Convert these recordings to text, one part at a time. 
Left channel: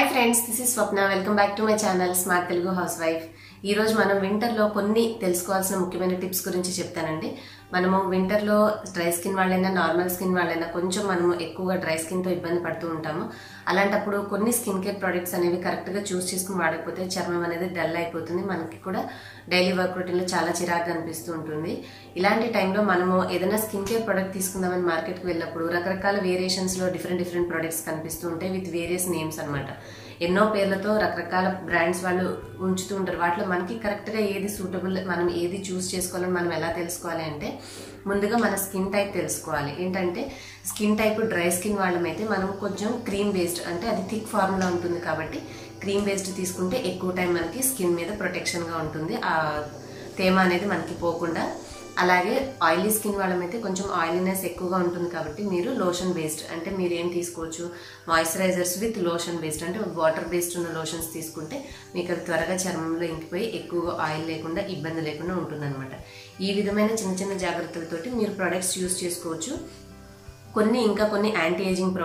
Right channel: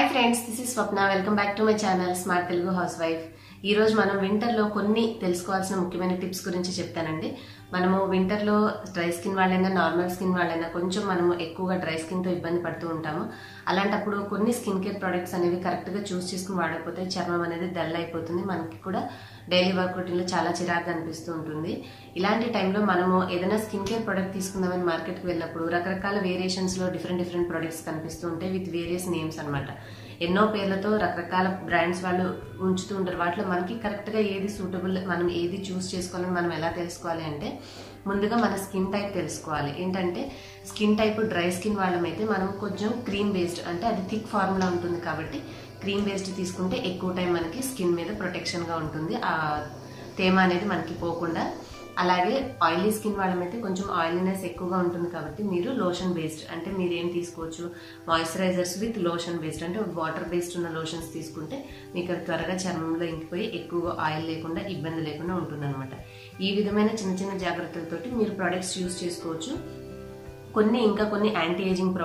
Hi friends, this is Swapna. Welcome back to my channel smart Telugu house wife. ఈరోజు మనం వింటర్లో కొన్ని తెలుసుకోవాల్సిన ముఖ్యమైన టిప్స్ గురించి చెప్తానండి. మనము వింటర్లో డ్రై స్కిన్ వాళ్ళైనా నార్మల్ స్కిన్ వాళ్ళైనా కొంచెం మనము ఎక్కువగా డ్రై స్కిన్తో ఇబ్బంది పడుతూ ఉంటాము. అలాంటప్పుడు కొన్ని స్కిన్ కేర్ ప్రొడక్ట్స్ అనేవి కరెక్ట్గా చూస్ చేసుకుని వాడకపోతే చర్మం అనేది డల్ అయిపోతుంది. మనకి కూడా డైలీ వర్క్ రొటీన్లో చాలా చిరాగ్గా అనిపిస్తూ ఉంటుంది. ఇలాంటి టైంలో మనము ఏదైనా స్కిన్ కేర్ ప్రొడక్ట్ తీసుకుందామని మార్కెట్కి వెళ్ళినప్పుడు రకరకాల వేరియేషన్స్లో డిఫరెంట్ ప్రొడక్ట్స్ కనిపిస్తూ ఉంటాయి విత్ వేరియస్ నేమ్స్ అనమాట. ఎన్నో పేర్లతో రకరకాల బ్రాండ్స్ వాళ్ళు ఉంచుతూ ఉంటారు. వాటిలో మనకి కరెక్ట్గా ఏది సూటబుల్, మనం ఏది చూస్ చేసుకోవాలని మనం ఎలా తెలుసుకోవాలి అంటే ముందుగా మన స్కిన్ టైప్ తెలుసుకోవాలి. ఏంటంటే స్కిన్ టైప్ డ్రై స్కిన్ వాళ్ళమైతే మనం కొంచెం క్రీమ్ బేస్డ్, అంటే అది థిక్ ఫార్ములా ఉంటుంది కాబట్టి క్రీమ్ బేస్డ్ తీసుకుంటే ఎక్కువ టైం మనకి స్కిన్ మీద ప్రొటెక్షన్గా ఉంటుంది, ఆ తేమ అనేది మనకి పోకుండా. అలాగే ఆయిలీ స్కిన్ వాళ్ళమైతే కొంచెం ఆయిలీనెస్ ఎక్కువగా ఉంటుంది కాబట్టి మీరు లోషన్ బేస్డ్, అంటే మీరు ఏం తీసుకోవచ్చు, మాయిశ్చరైజర్స్ విత్ లోషన్ బేస్డ్, అంటే వాటర్ బేస్డ్ ఉన్న లోషన్స్ తీసుకుంటే మీకు అవి త్వరగా చర్మంలో ఇంకిపోయి ఎక్కువగా ఆయిల్ లేకుండా ఇబ్బంది లేకుండా ఉంటుందన్నమాట. ఈ విధమైన చిన్న జాగ్రత్తలతోటి మీరు ప్రొడక్ట్స్ యూజ్ చేసుకోవచ్చు. ఇంకా కొన్ని anti ageing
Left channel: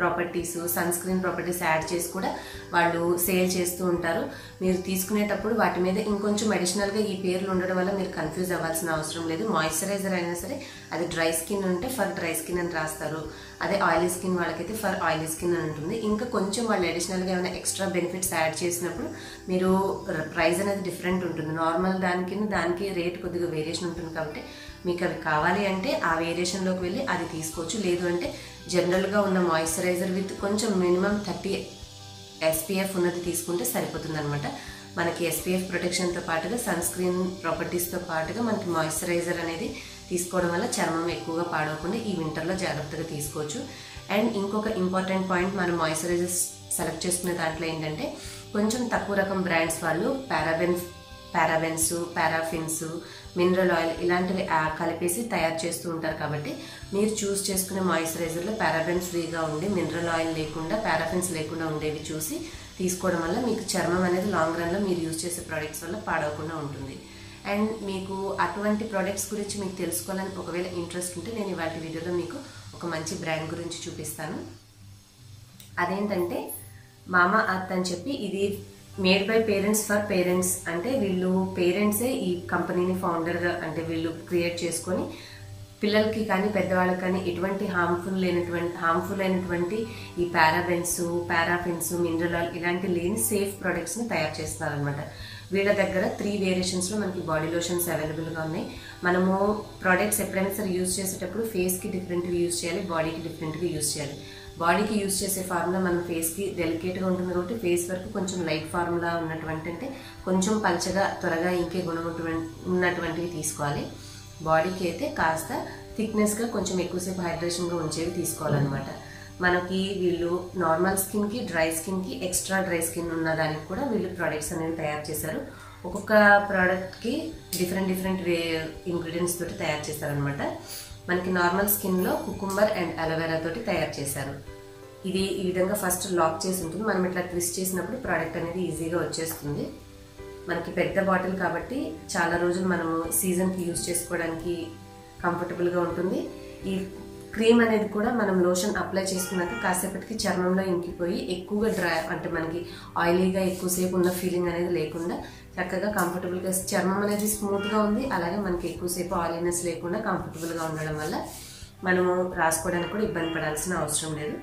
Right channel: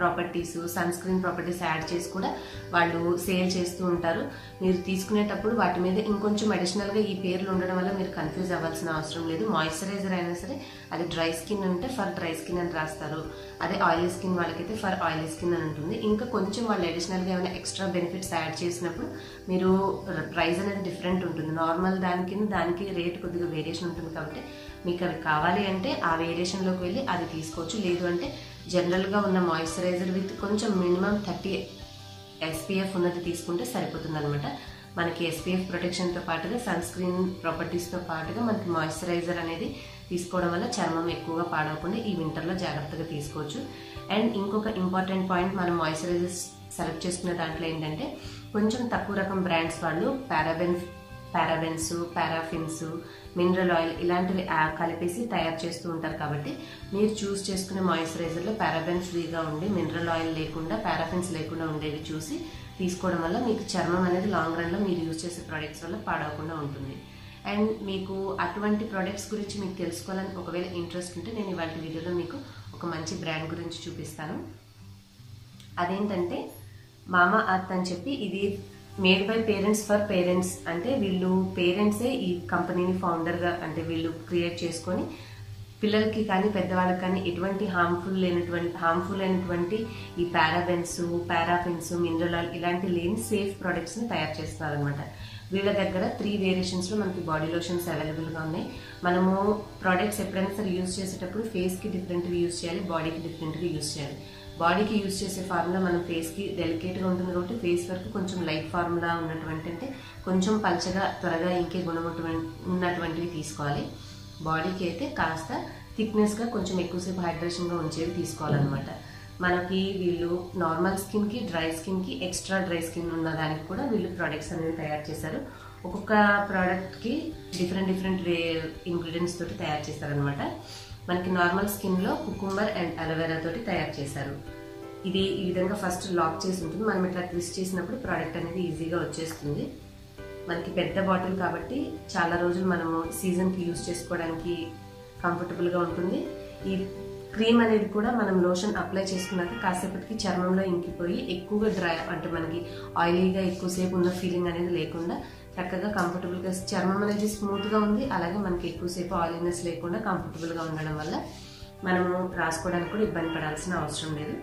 properties, sun screen properties add చేసి కూడా వాళ్ళు సేల్ చేస్తూ ఉంటారు. మీరు తీసుకునేటప్పుడు వాటి మీద ఇంకొంచెం అడిషనల్గా ఈ పేర్లు ఉండడం వల్ల మీరు కన్ఫ్యూజ్ అవ్వాల్సిన అవసరం లేదు. మాయిశ్చరైజర్ అయినా సరే అది డ్రై స్కిన్ ఉంటే ఫర్ డ్రై స్కిన్ అని రాస్తారు, అదే ఆయిలీ స్కిన్ వాళ్ళకైతే ఫర్ ఆయిలీ స్కిన్ అని ఉంటుంది. ఇంకా కొంచెం వాళ్ళు అడిషనల్గా ఏమైనా ఎక్స్ట్రా బెనిఫిట్స్ యాడ్ చేసినప్పుడు మీరు ప్రైస్ అనేది డిఫరెంట్ ఉంటుంది. నార్మల్ దానికి రేట్ కొద్దిగా వేరియేషన్ ఉంటుంది కాబట్టి మీకు అవి కావాలి అంటే ఆ వేరియేషన్లోకి వెళ్ళి అది తీసుకోవచ్చు. లేదు అంటే జనరల్గా ఉన్న మాయిశ్చరైజర్ విత్ కొంచెం మినిమం 30 SPF ఉన్నది తీసుకుంటే సరిపోతుంది అనమాట. మనకి SPF ప్రొటెక్షన్తో పాటుగా సన్ స్క్రీన్ ప్రాపర్టీస్తో పాటుగా మనకి మాయిశ్చరైజర్ అనేది తీసుకోవడం వల్ల చర్మం ఎక్కువగా పాడవకుండా ఈ వింటర్లో జాగ్రత్తగా తీసుకోవచ్చు. అండ్ ఇంకొక ఇంపార్టెంట్ పాయింట్, మనం మాయిశ్చరైజర్స్ సెలెక్ట్ చేసుకునే దాంట్లో ఏంటంటే కొంచెం తక్కువ రకం బ్రాండ్స్ వాళ్ళు పారాబెన్స్, పారాఫిన్స్, మినరల్ ఆయిల్ ఇలాంటివి కలిపేసి తయారు చేస్తూ ఉంటారు. కాబట్టి మీరు చూస్ చేసుకునే మాయిశ్చరైజర్లో పారాబెన్స్ ఫ్రీగా ఉండి మినరల్ ఆయిల్ లేకుండా, పారాఫిన్స్ లేకుండా ఉండేవి చూసి తీసుకోవడం వల్ల మీకు చర్మం అనేది లాంగ్ రన్లో మీరు యూజ్ చేసే ప్రోడక్ట్స్ వల్ల పాడవకుండా ఉంటుంది. అండ్ మీకు అటువంటి ప్రోడక్ట్స్ గురించి మీకు తెలుసుకోవాలని ఒకవేళ ఇంట్రెస్ట్ ఉంటే నేను ఇవాళ వీడియోలో మీకు ఒక మంచి బ్రాండ్ గురించి చూపిస్తాను. అదేంటంటే మామా అర్త్ అని చెప్పి, ఇది made by parents for parents, అంటే వీళ్ళు పేరెంట్సే ఈ కంపెనీని ఫౌండర్గా, అంటే వీళ్ళు క్రియేట్ చేసుకొని పిల్లలకి కానీ పెద్దవాళ్ళకి కానీ ఎటువంటి హార్మ్ఫుల్ అయినటువంటి ఈ పారాబెన్స్, పారాఫిన్స్, మినరల్ ఆయిల్ ఇలాంటి లేని సేఫ్ ప్రొడక్ట్స్ని తయారు చేస్తున్నారనమాట. వీళ్ళ దగ్గర 3 వేరియేషన్స్లో మనకి బాడీ లోషన్స్ అవైలబుల్గా ఉన్నాయి. మనము ప్రోడక్ట్స్ ఎప్పుడైనా సరే యూజ్ చేసేటప్పుడు ఫేస్కి డిఫరెంట్గా యూజ్ చేయాలి, బాడీకి డిఫరెంట్గా యూజ్ చేయాలి. బాడీకి యూజ్ చేసే ఫార్ములా మనం ఫేస్కి డెలికేట్గా ఉంటుంది కాబట్టి ఫేస్ వరకు కొంచెం లైట్ ఫార్ములా ఉన్నటువంటి, అంటే కొంచెం పల్చగా త్వరగా ఇంకే గుణం ఉన్నటువంటివి తీసుకోవాలి. బాడీకి అయితే కాస్త థిక్నెస్గా కొంచెం ఎక్కువసేపు హైడ్రేషన్గా ఉంచేవి తీసుకోవాలన్నమాట. మనకి వీళ్ళు నార్మల్ స్కిన్కి, డ్రై స్కిన్కి, ఎక్స్ట్రా డ్రై స్కిన్ ఉన్న దానికి కూడా వీళ్ళు ప్రోడక్ట్స్ అనేవి తయారు చేశారు. ఒక్కొక్క ప్రోడక్ట్కి డిఫరెంట్ ఇంగ్రీడియంట్స్ తోటి తయారు చేశారనమాట. మనకి నార్మల్ స్కిన్లో కుకుంబర్ అండ్ అలోవెరా తోటి తయారు చేశారు. ఇది ఈ విధంగా ఫస్ట్ లాక్ చేసి ఉంటుంది. మనం ఇట్లా ట్విస్ట్ చేసినప్పుడు ప్రోడక్ట్ అనేది ఈజీగా వచ్చేస్తుంది. మనకి పెద్ద బాటిల్ కాబట్టి చాలా రోజులు మనము సీజన్కి యూజ్ చేసుకోవడానికి కంఫర్టబుల్గా ఉంటుంది. ఈ క్రీమ్ అనేది కూడా మనం లోషన్ అప్లై చేసుకున్నాక కాసేపటికి చర్మంలో ఇంకిపోయి ఎక్కువగా డ్రై, అంటే మనకి ఆయిలీగా ఎక్కువసేపు ఉన్న ఫీలింగ్ అనేది లేకుండా చక్కగా కంఫర్టబుల్గా చర్మం అనేది స్మూత్గా ఉంది. అలాగే మనకి ఎక్కువసేపు ఆయిలీనెస్ లేకుండా కంఫర్టబుల్గా ఉండడం వల్ల మనము రాసుకోవడానికి కూడా ఇబ్బంది పడాల్సిన అవసరం లేదు.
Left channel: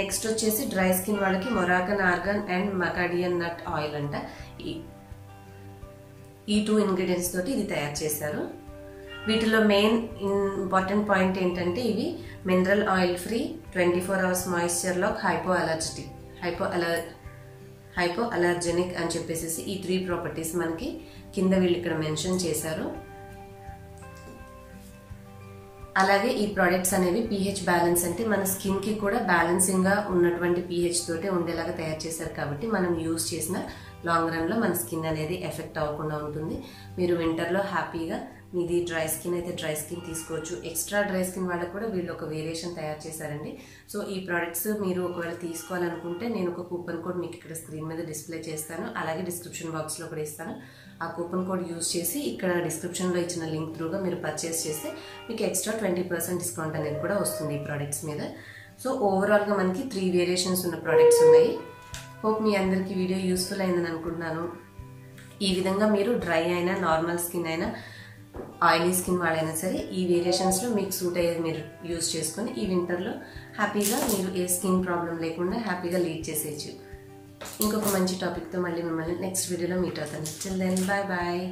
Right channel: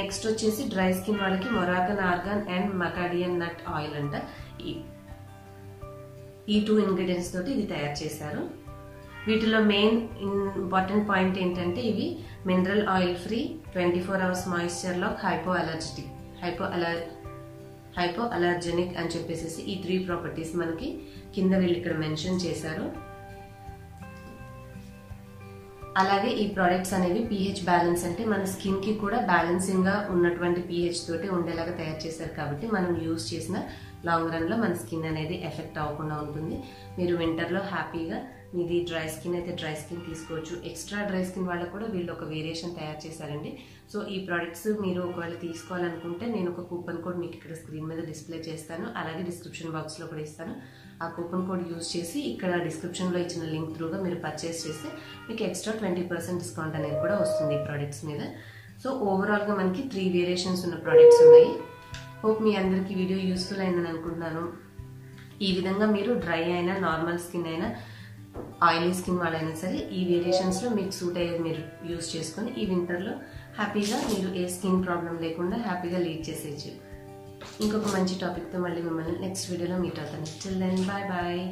నెక్స్ట్ వచ్చేసి డ్రై స్కిన్ వాళ్ళకి Moroccan argan and macadamia nut oil అంట. ఈ 2 ఇంగ్రీడియంట్స్ తోటి ఇది తయారు చేశారు. వీటిలో మెయిన్ ఇంపార్టెంట్ పాయింట్ ఏంటంటే ఇవి mineral oil free, 24 hours moisture lock, hypoallergenic అని చెప్పేసి ఈ 3 ప్రాపర్టీస్ మనకి కింద వీళ్ళు ఇక్కడ మెన్షన్ చేశారు. అలాగే ఈ ప్రోడక్ట్స్ అనేవి pH బ్యాలెన్స్, అంటే మన స్కిన్కి కూడా బ్యాలెన్సింగ్గా ఉన్నటువంటి pH తోటి ఉండేలాగా తయారు చేశారు కాబట్టి మనం యూజ్ చేసిన లాంగ్ రన్లో మన స్కిన్ అనేది ఎఫెక్ట్ అవ్వకుండా ఉంటుంది. మీరు వింటర్లో హ్యాపీగా, మీది డ్రై స్కిన్ అయితే డ్రై స్కిన్ తీసుకోవచ్చు. ఎక్స్ట్రా డ్రై స్కిన్ వాళ్ళకు కూడా వీళ్ళు ఒక వేరియేషన్ తయారు చేశారండి. సో ఈ ప్రోడక్ట్స్ మీరు ఒకవేళ తీసుకోవాలనుకుంటే నేను ఒక కూపన్ కోడ్ మీకు ఇక్కడ స్క్రీన్ మీద డిస్ప్లే చేస్తాను, అలాగే డిస్క్రిప్షన్ బాక్స్లో కూడా ఇస్తాను. ఆ కూపన్ కోడ్ యూజ్ చేసి ఇక్కడ డిస్క్రిప్షన్లో ఇచ్చిన లింక్ త్రూగా మీరు పర్చేస్ చేస్తే మీకు ఎక్స్ట్రా 20% డిస్కౌంట్ అనేది కూడా వస్తుంది ఈ ప్రోడక్ట్స్ మీద. సో ఓవరాల్గా మనకి 3 వేరియేషన్స్ ఉన్న ప్రోడక్ట్స్ ఉన్నాయి. హోప్ మీ అందరికీ వీడియో యూస్ఫుల్ అయిందని అనుకుంటున్నాను. ఈ విధంగా మీరు డ్రై అయినా నార్మల్ స్కిన్ అయినా ఆయిలీ స్కిన్ వాళ్ళైనా సరే ఈ వేరియేషన్స్లో మీకు సూట్ అయ్యేది మీరు యూస్ చేసుకొని ఈ వింటర్లో హ్యాపీగా మీరు ఏ స్కిన్ ప్రాబ్లం లేకుండా హ్యాపీగా లీడ్ చేసేయచ్చు. ఇంకొక మంచి టాపిక్తో మళ్ళీ మిమ్మల్ని నెక్స్ట్ వీడియోలో మీట్ అవుతాను. Till then bye bye.